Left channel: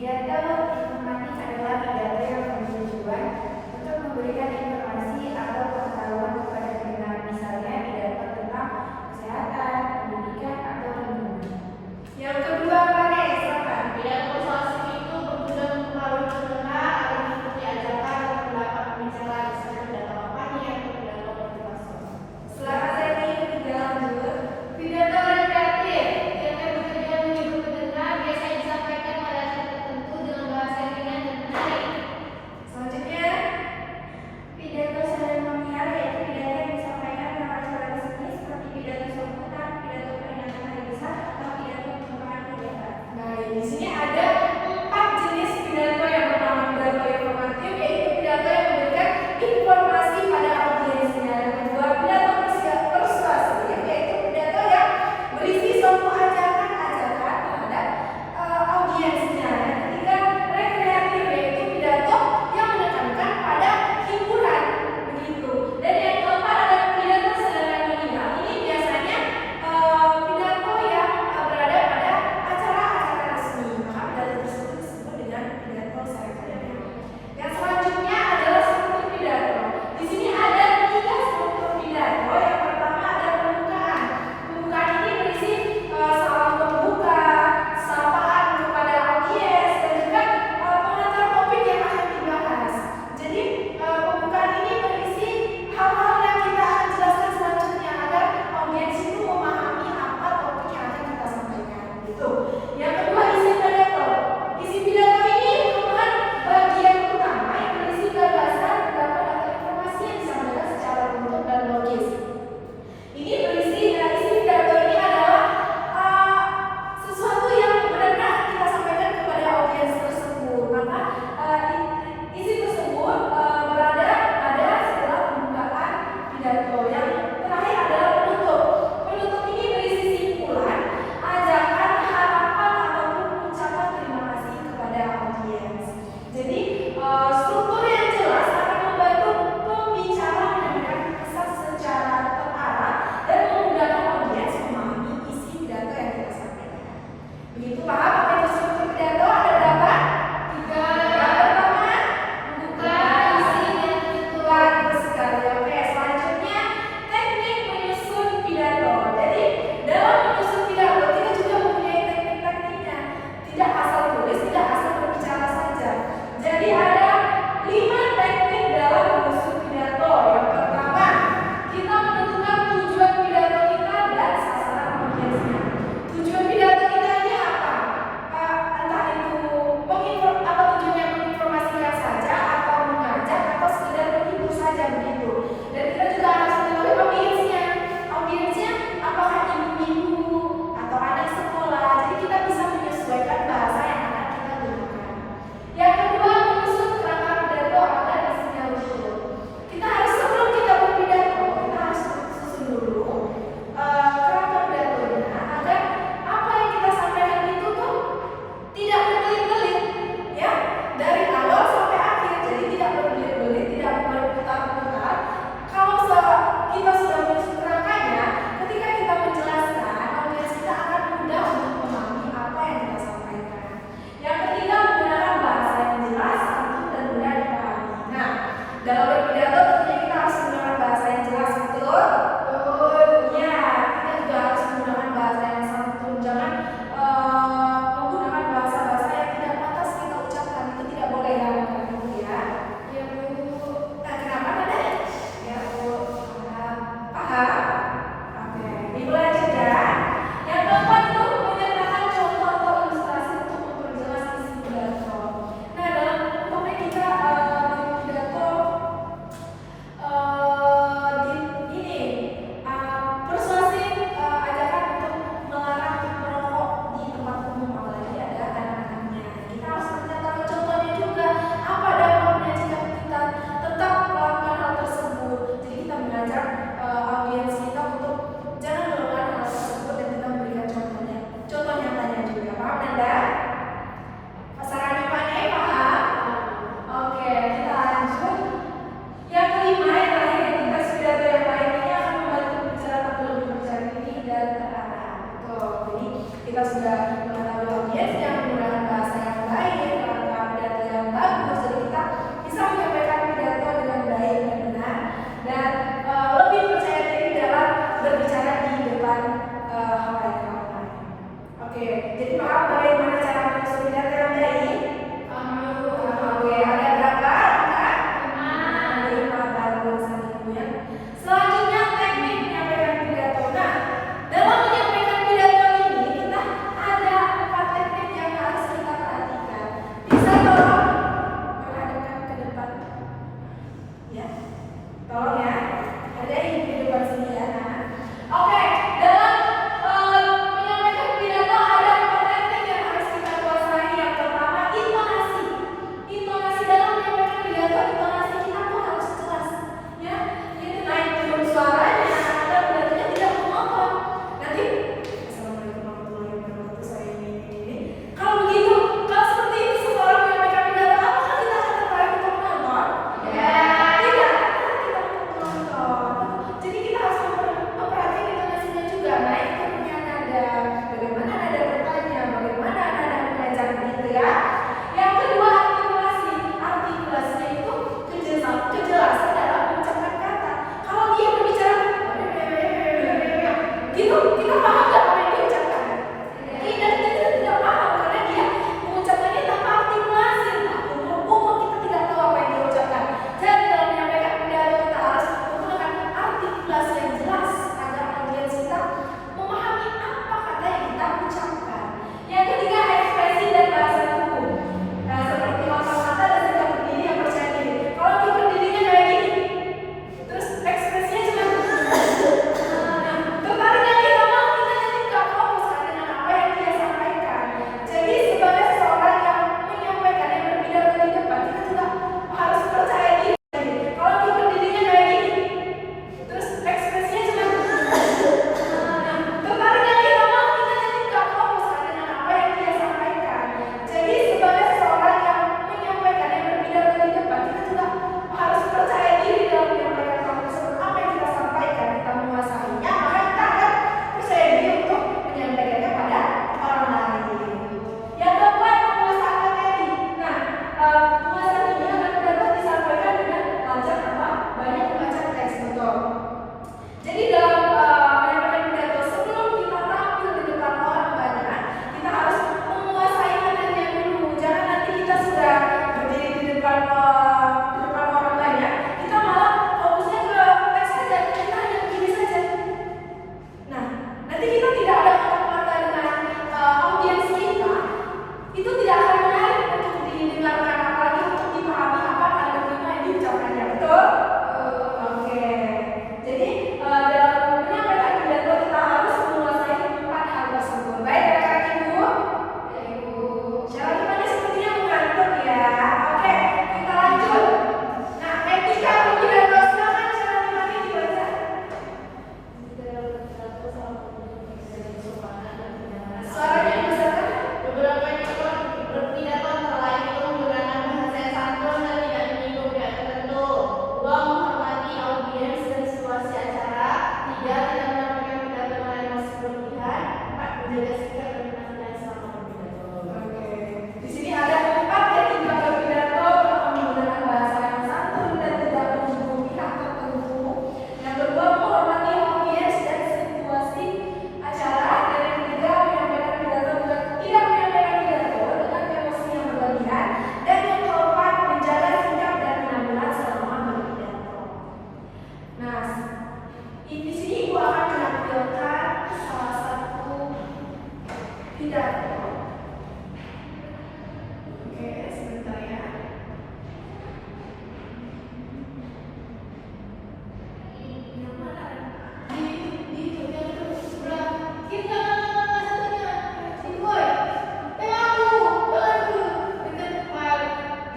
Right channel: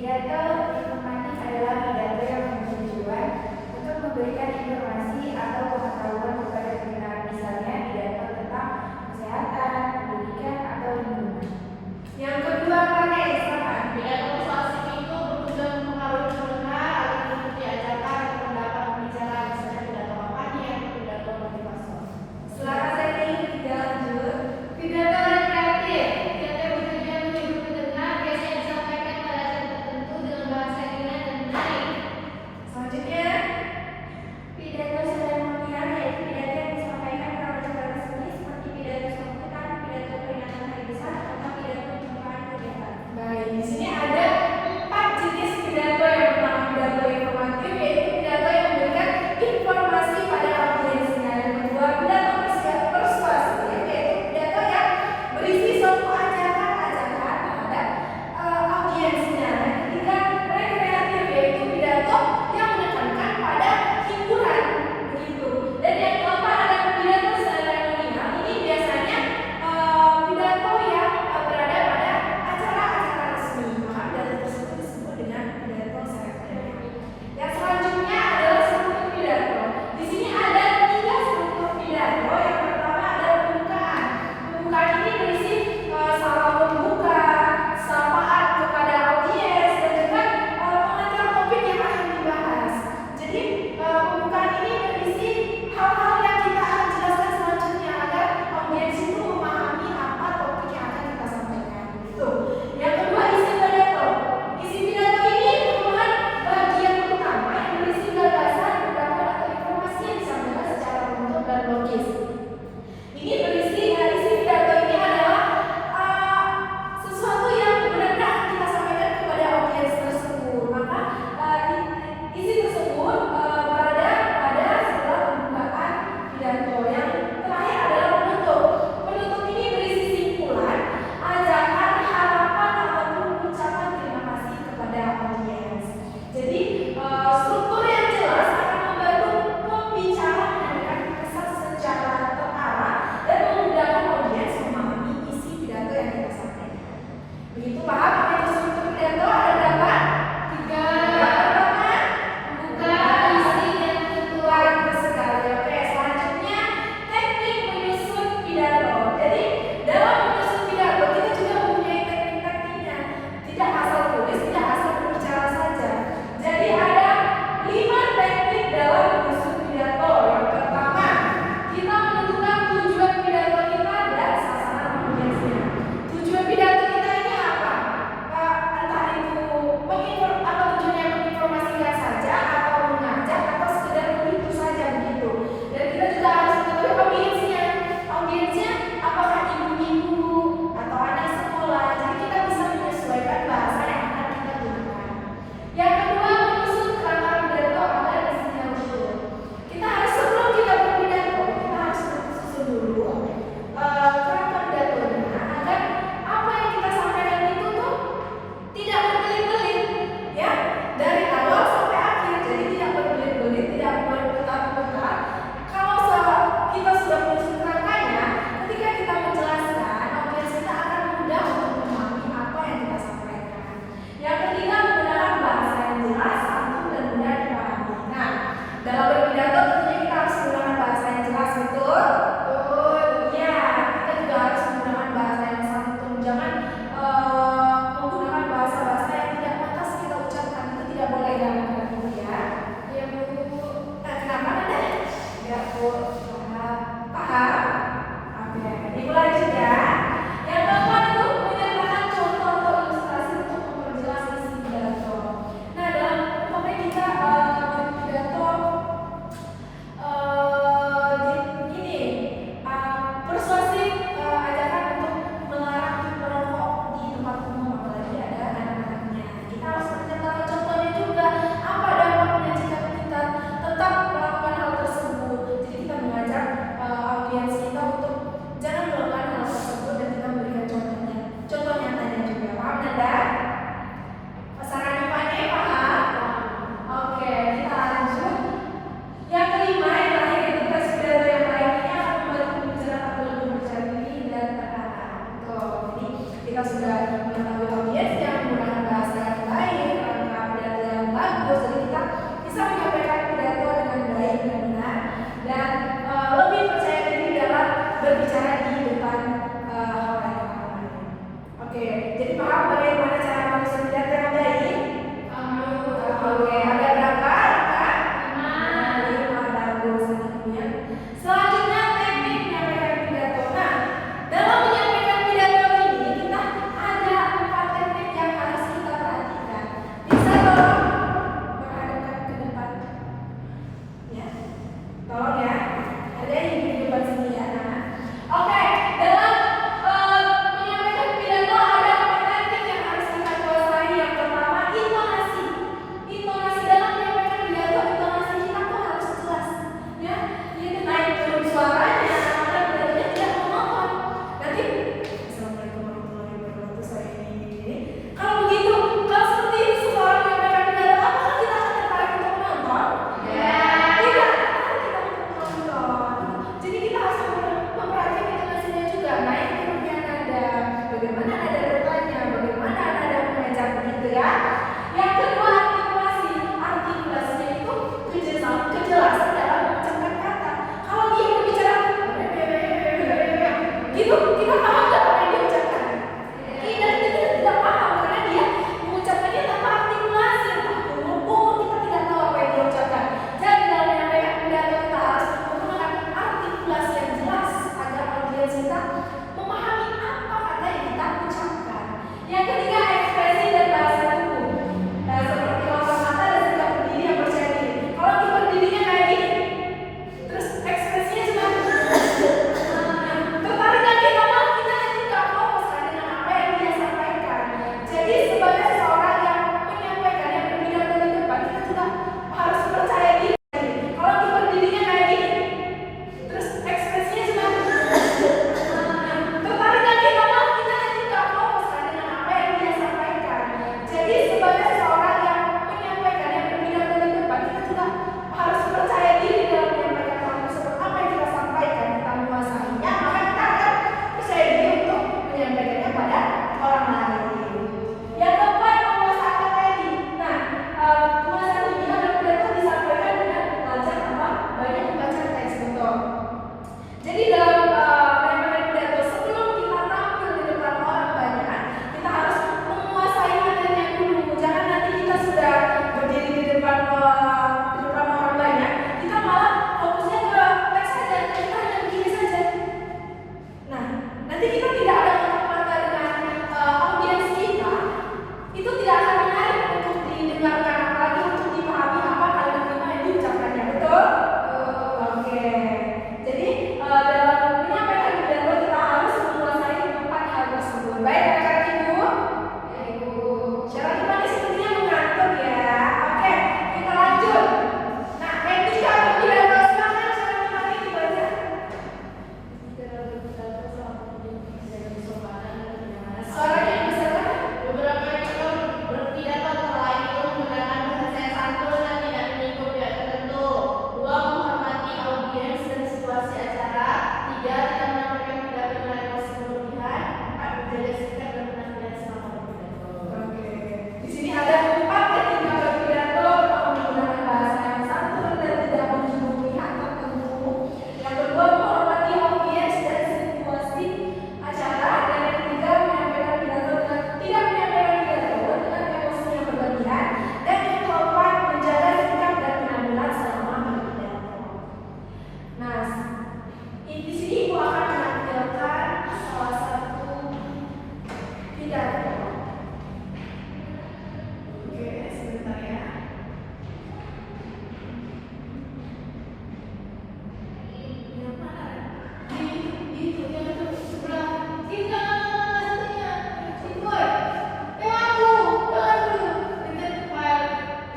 Pidato informatif adalah pidato yang memiliki tujuan untuk memberikan informasi atau pengetahuan kepada pendengar, misalnya pidato tentang kesehatan, pendidikan, atau lingkungan. Yang kedua, Kade, silakan. Pidato persuasif itu bertujuan mempengaruhi pendengar agar mengikuti ajakan atau pendapat pembicara, misalnya pidato kampanye atau pidato motivasional. Silakan Seni, tidak lanjut. Pidato rekreatif. Pidato yang bertujuan menghibur pendengar biasanya disampaikan pada saat tertentu dengan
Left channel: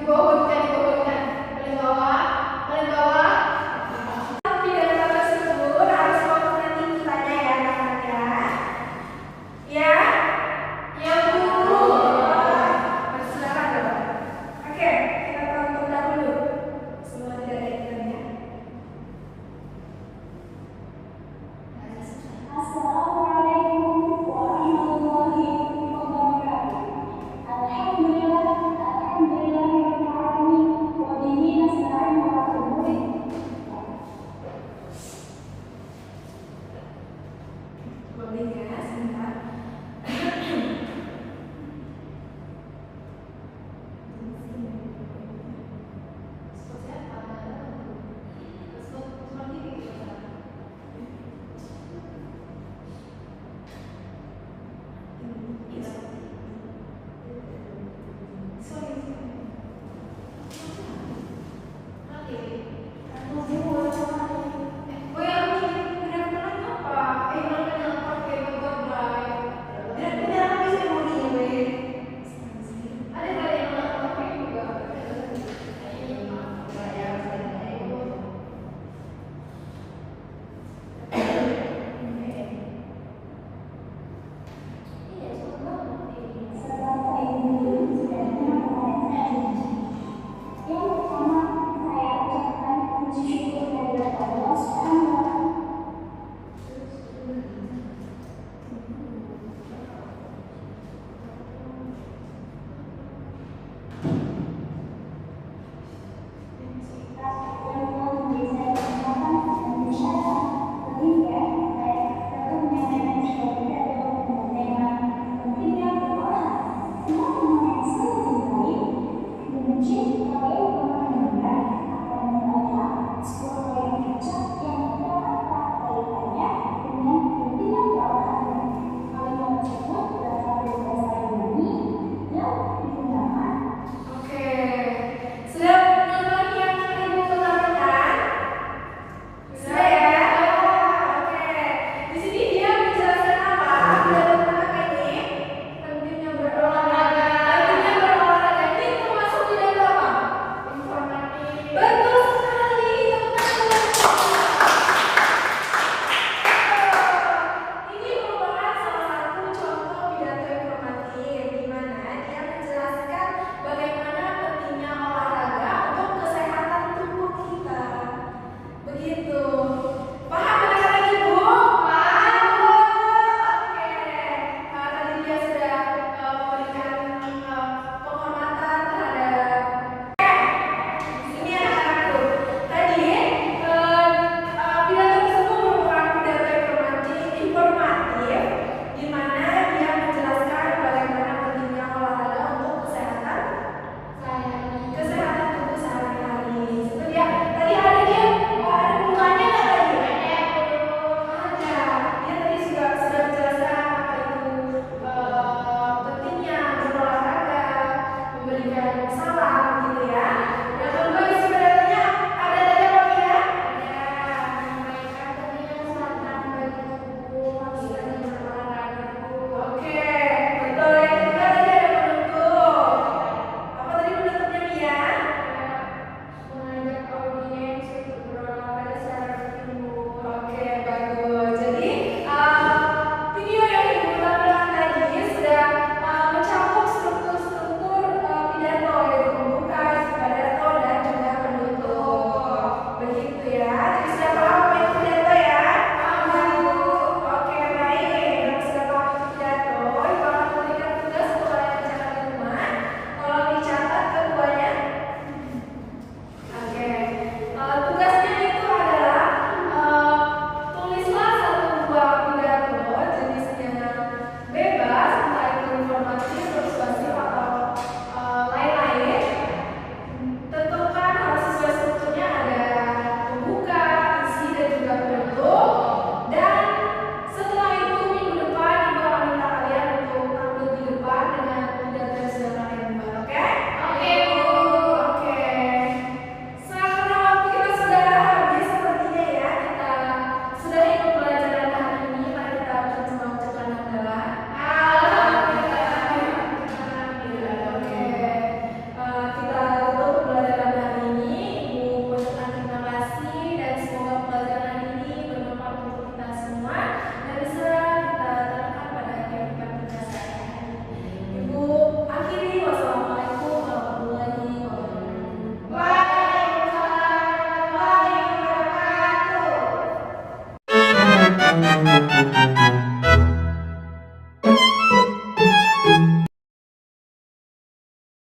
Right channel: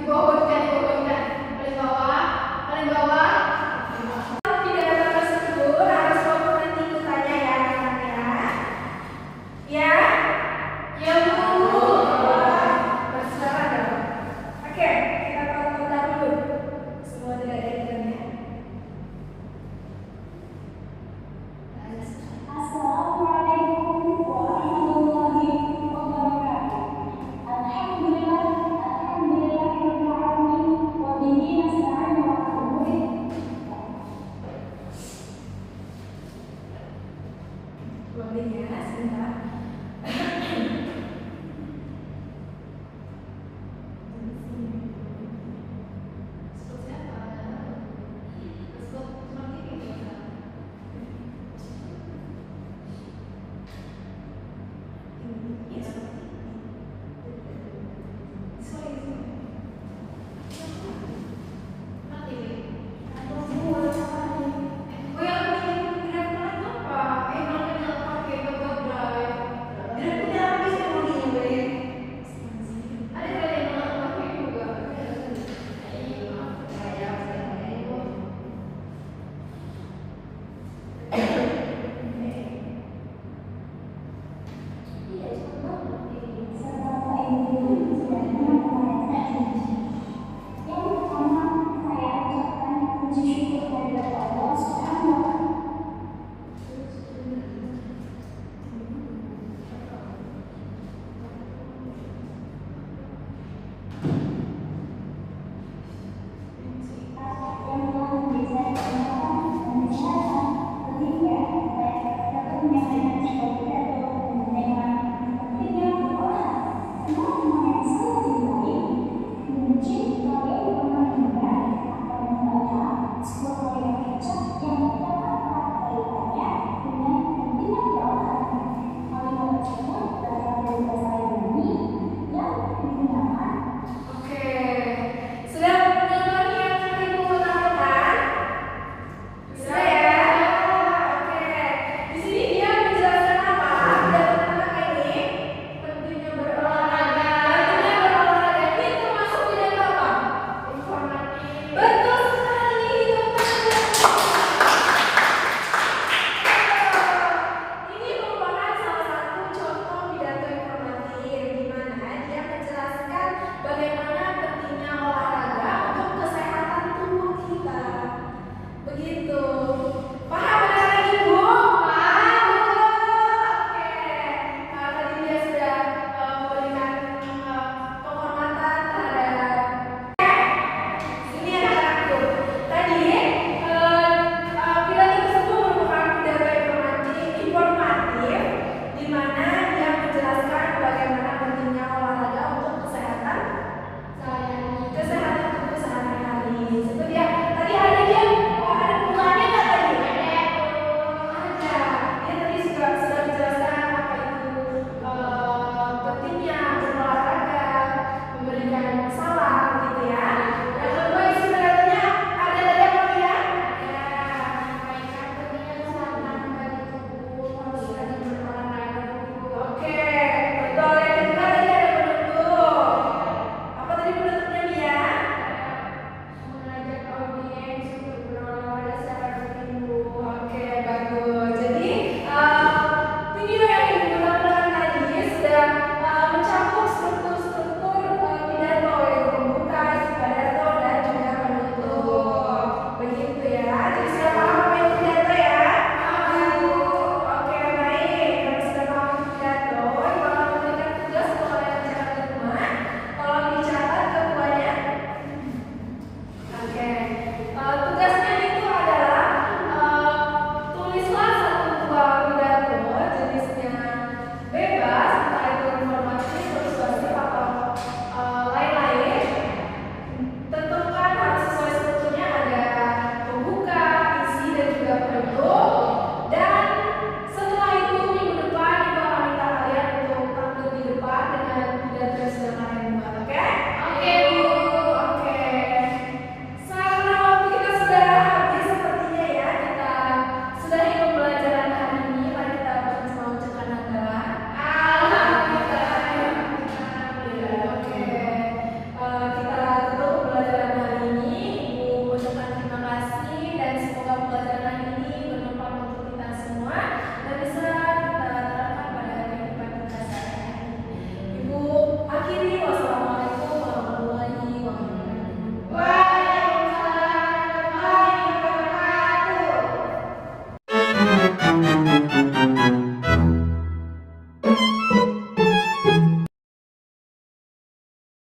Paling bawah, paling bawah. Pidato tersebut harus foto nanti kitanya ya teman-teman ya. Ya Bu. Silakan ya. Oke, kita tonton dulu. Semua tidak ada ikannya. Assalamualaikum warahmatullahi wabarakatuh. Alhamdulillahirabbil alamin wa bihi nasta'in ala umuri. Boleh ya, sebentar. Yang pertama, saya ucapkan puji syukur kehadirat Allah Subhanahu wa Ta'ala. Yang telah memberi saya kesempatan dan kesehatan pendidikan baik tentunya dengan seperti itu dengan pentingnya berdoa tentang teman yang sangat dicintai, membenci hal yang pernah mendengar atau membaca sebuah ayat kecil yang terdapat kaitannya dengan pentingnya berdoa. Kalimat tersebut dapat dari bahasa Yunani yang digunakan. Oke, sudah nonton yang ibu tonton? Sudah ya? Oke. Di sini dia menjelaskan apa? Pidato tentang ini pentingnya berolahraga. Pentingnya berolahraga ini termasuk pidato apa? Informatif. Betul sekali, teman-teman. Ini merupakan salah satu contoh pidato informatif di mana dia menjelaskan bagaimana pentingnya olahraga untuk kesehatan tubuh kita. Begitu. Paham anak-anak ibu? Paham. Oke. Nah, tadi dia sudah memberikan penghormatan terhadap ini anak-anakku. Tadi pidato tersebut merupakan pidato informatif di mana dia menjelaskan bagaimana pentingnya olahraga untuk kesehatan tubuh sehari-hari. Seperti ya, tadi hari dia ada bukannya nggak tadi? Ada. Dia tadi sudah menjelaskan apa itu pentingnya berolahraga, memberikan salam